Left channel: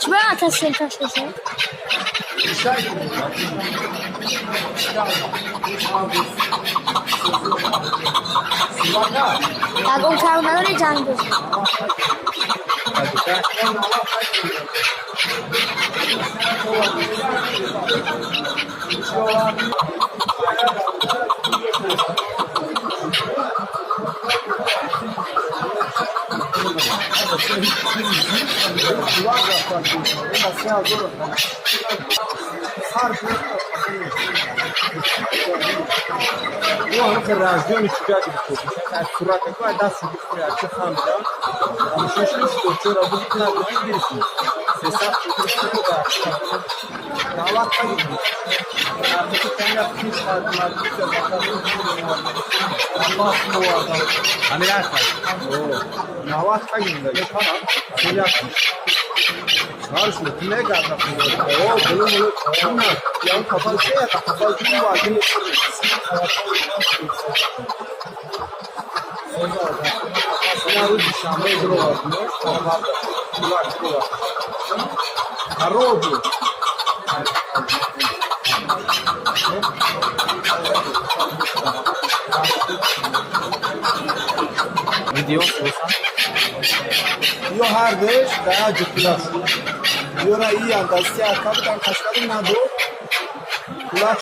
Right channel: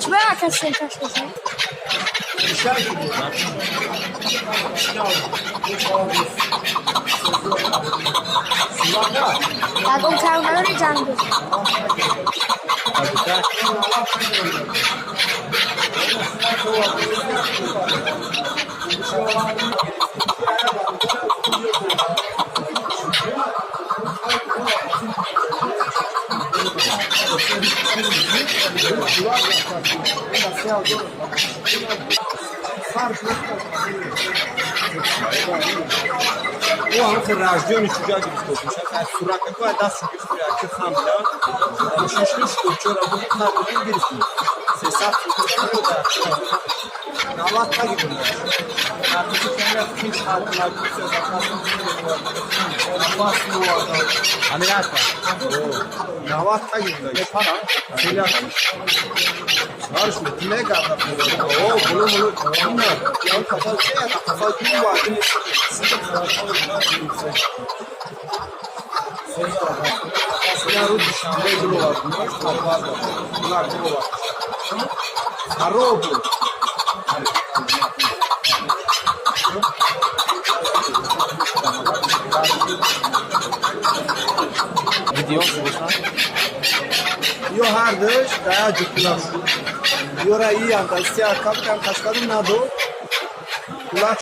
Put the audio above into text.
Kime atasın taşlasın? Tak on kavnaları candır. او هم خراجیان چوجا gibi tutmuş. Yani surak ko da sigif ya ki hamla. Ama şişli çora bu kadar girsin. Sesat tutmuş da. Navat gibi. Artık kendi yapmış adımlar güzel zakatın gibi var. Abbas mı var? Amirat. Oo. Navat gibi de. Yapana. Şöyle yapmış. Harus kime kadar? Oo bunu bunlar. Ya kafa şey ya kafa gibi var. Ya bu dışarıda duru var. Bunlar da. Bunlar duru var. Harobu. Video olsa. Yo hardır. Daya cüktüler. Yora iyi anda. Siyah kapıdan kaçkadım nadı. Kulaç